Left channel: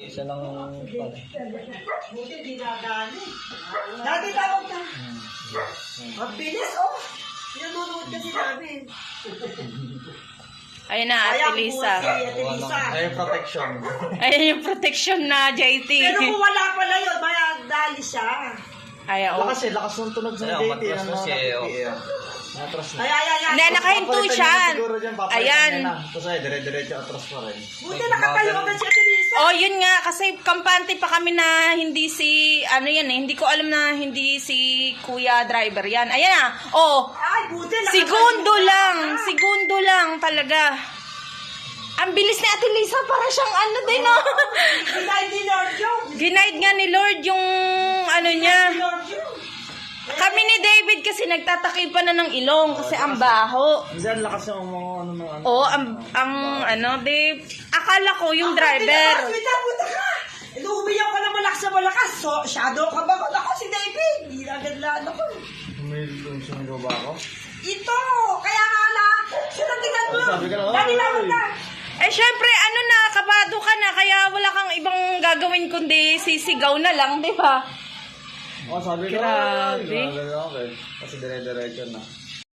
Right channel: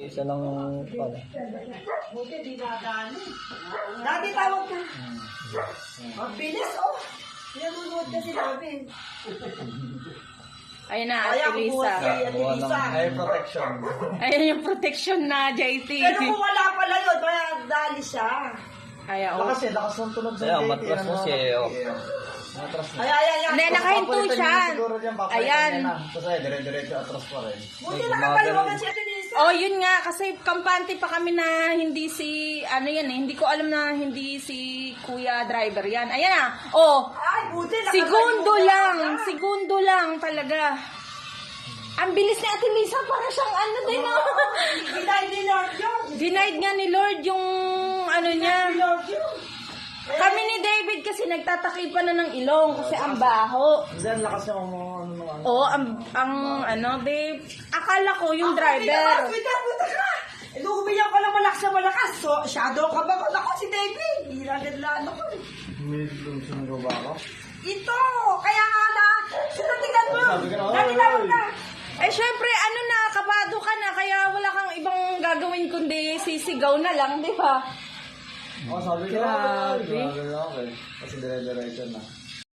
Isa lang pala. Buti dinadali. Dati tawag na. Ang bilis, oh. Pinunod kasi namin. Ayun na, Ate Lisa. Ay, protection. Ayun yung protection na JT. Pero kung wala pala yun, maya dali siya. Ay, oo. Kasi lakas ng tunog sa JT. Matras mo siya. Matras na. Ay. Hindi, nakahinto siya. Ayan. Tapos ay, dire-diretso atras pa rin. Buti nakatayo ka si Ate Lisa. Oh, yun nga, kasi kampante pa kami na hindi si, ano yan eh, hindi ko alam na hindi si Kuya Driver yan. Ayan na, oh, Ay, buti nakatayo segundo lang talaga. Ang bilis ni Ate Lisa, para siyang ano din, oh. Ginay ni Lord yung. Ginaid nga ni Lord yung, ano niya. Lord yung. Kami ni David kasi nagtatakip pa na ng ilong kasi ang baho. Diyan lakas yung ano. Oh, ang ano, Dave, akala ko yung driver. Buta ka. Inuumiyak ka na malakas. So, shadow ka ba? Ako si David. Hindi agad ko. May lumusong ba ako? Ito! Kaya nga na, sinatigan mo. Sabi ka na, Dali na, oy. na. Eh, syempre, ano na, kabado ka na, kaya wala kang ibang gagawin kundi sisigaw na lang, di ba? Oh, sabi ko. Grabe. Okay. Kasi dire-diretso na.